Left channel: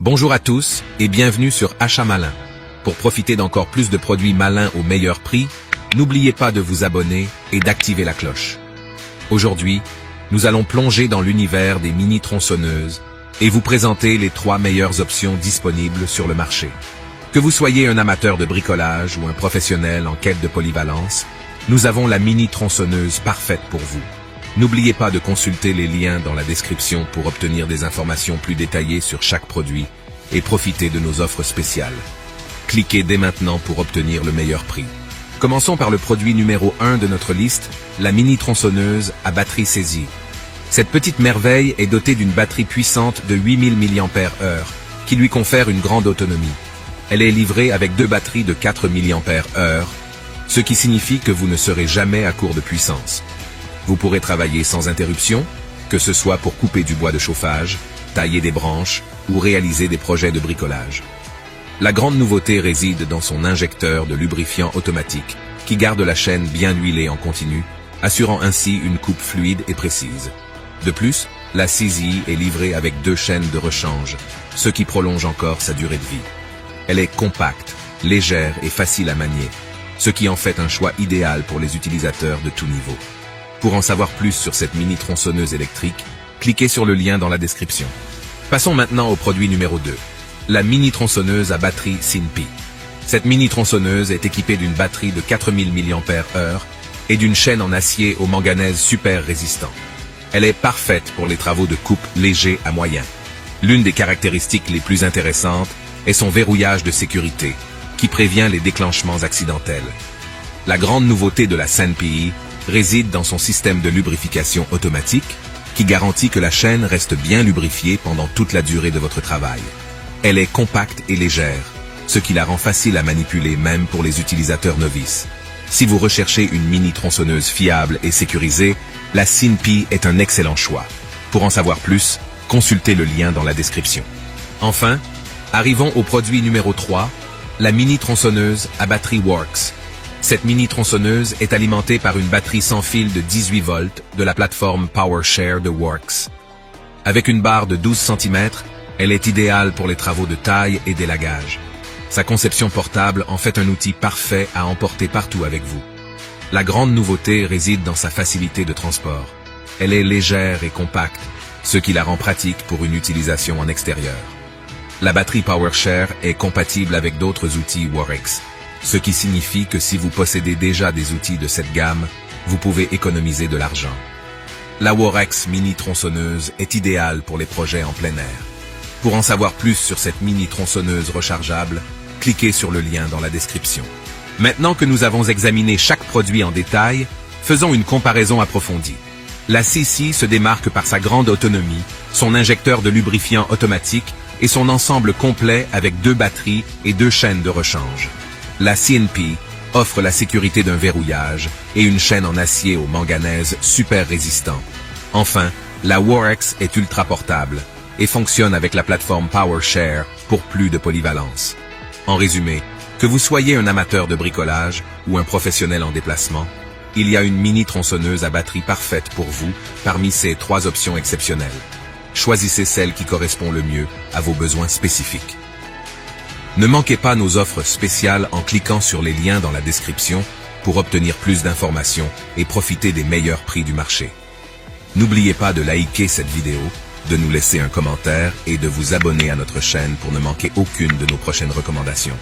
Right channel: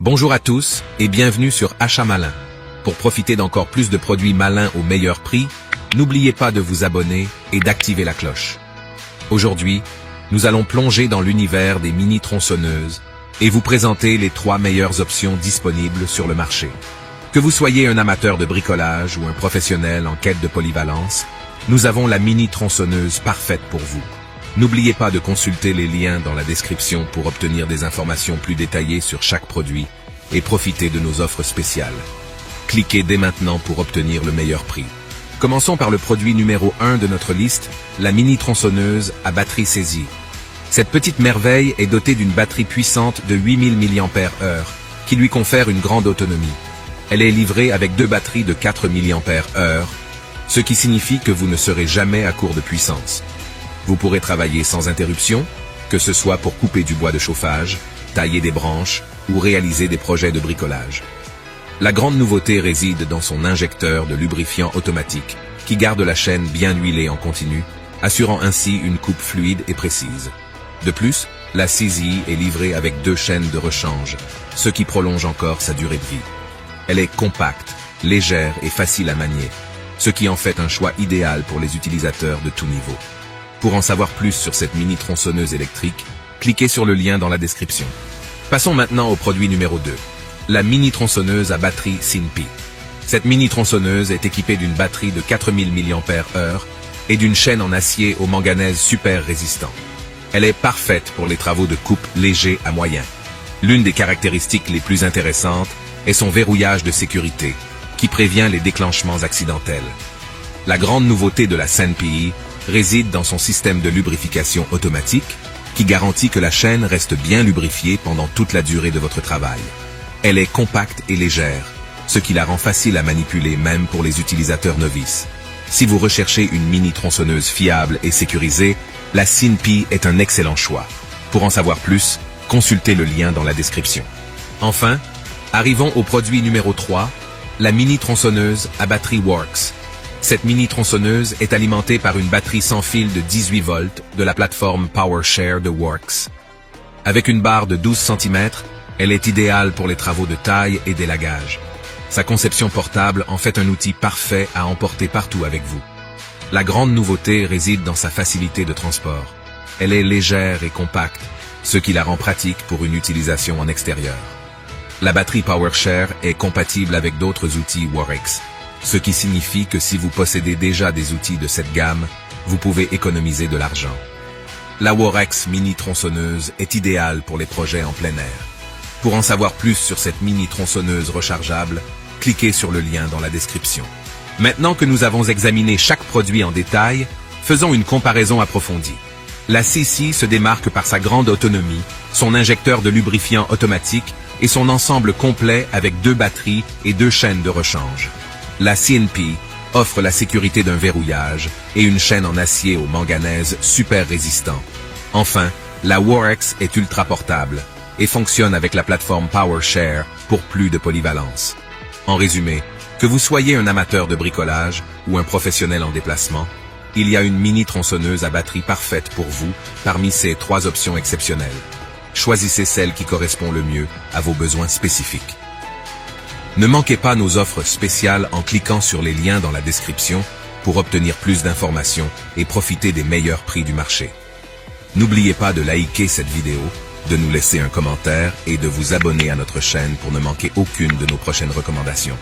Bonjour à tous et bienvenue sur Achat Malin. Pour profiter d'encore plus de produits malins au meilleur prix, n'oubliez pas de vous abonner et d'activer la cloche. Aujourd'hui, nous allons plonger dans l'univers des mini-tronçonneuses et vous présenter les 3 meilleures options disponibles sur le marché. Que vous soyez un amateur de bricolage ou un professionnel en quête de polyvalence, nous avons la mini-tronçonneuse parfaite pour vous. N'oubliez pas de consulter les liens dans la description pour obtenir des informations plus détaillées sur chaque produit et profiter de nos offres spéciales. Cliquez dès maintenant pour obtenir le meilleur prix. Commençons par le produit numéro 1 de notre liste, la mini-tronçonneuse à batterie saisie. Cette petite merveille est dotée d'une batterie puissante de 8000 mAh qui lui confère une grande autonomie. Elle est livrée avec 2 batteries de 4 mAh, ce qui signifie que vous ne serez jamais à court de puissance. Vous pourrez travailler sans interruption, que ce soit pour couper du bois de chauffage, tailler des branches ou réaliser des projets de bricolage. La grande nouveauté réside dans son injecteur de lubrifiant automatique qui garde la chaîne bien huilée en continu, assurant ainsi une coupe fluide et précise. De plus, la saisie est livrée avec 2 chaînes de rechange, ce qui prolonge encore sa durée de vie. Elle est compacte, légère et facile à manier, ce qui en fait un choix idéal pour les utilisateurs de tout niveau. Pour en savoir plus sur cette mini-tronçonneuse électrique, cliquez sur le lien dans la description. Passons maintenant au produit numéro 2, la mini-tronçonneuse à batterie SINPI. Cette mini-tronçonneuse est équipée d'une batterie de 4000 mAh et d'une chaîne en acier au manganèse super résistant. Elle est parfaite pour les travaux de coupe légers à moyen. L'une des caractéristiques les plus intéressantes est son verrouillage de sécurité, qui prévient les déclenchements accidentels. La grande nouveauté de la SINPI réside dans son système de lubrification automatique qui garantit que la chaîne reste bien lubrifiée pendant toute la durée de votre travail. Elle est compacte et légère, ce qui la rend facile à manipuler même pour les utilisateurs novices. Si vous recherchez une mini-tronçonneuse fiable et sécurisée, la SINPI est un excellent choix. Pour en savoir plus, consultez le lien dans la description. Enfin, arrivons au produit numéro 3, la mini-tronçonneuse à batterie Worx. Cette mini-tronçonneuse est alimentée par une batterie sans fil de 18 volts de la plateforme PowerShare de Worx. Avec une barre de 12 cm, elle est idéale pour les travaux de taille et d'élagage. Sa conception portable en fait un outil parfait à emporter partout avec vous. La grande nouveauté réside dans sa facilité de transport. Elle est légère et compacte, ce qui la rend pratique pour une utilisation en extérieur. La batterie PowerShare est compatible avec d'autres outils Worx, ce qui signifie que si vous possédez déjà des outils de cette gamme, vous pouvez économiser de l'argent. La Worx mini-tronçonneuse est idéale pour les projets en plein air. Pour en savoir plus sur cette mini-tronçonneuse rechargeable, cliquez sur le lien dans la description. Maintenant que nous avons examiné chaque produit en détail, faisons une comparaison approfondie. La CC se démarque par sa grande autonomie, son injecteur de lubrifiant automatique et son ensemble complet avec 2 batteries et 2 chaînes de rechange. La SINPI offre la sécurité d'un verrouillage et une chaîne en acier au manganèse super résistant. Enfin, la Worx est ultra portable et fonctionne avec la plateforme PowerShare pour plus de polyvalence. En résumé, que vous soyez un amateur de bricolage ou un professionnel en déplacement, il y a une mini-tronçonneuse à batterie parfaite pour vous parmi ces 3 options exceptionnelles. Choisissez celle qui correspond le mieux à vos besoins spécifiques. Ne manquez pas nos offres spéciales en cliquant sur les liens dans la description pour obtenir plus d'informations et profiter des meilleurs prix du marché. N'oubliez pas de liker cette vidéo, de nous laisser un commentaire et de vous abonner à notre chaîne pour ne manquer aucune de nos prochaines recommandations.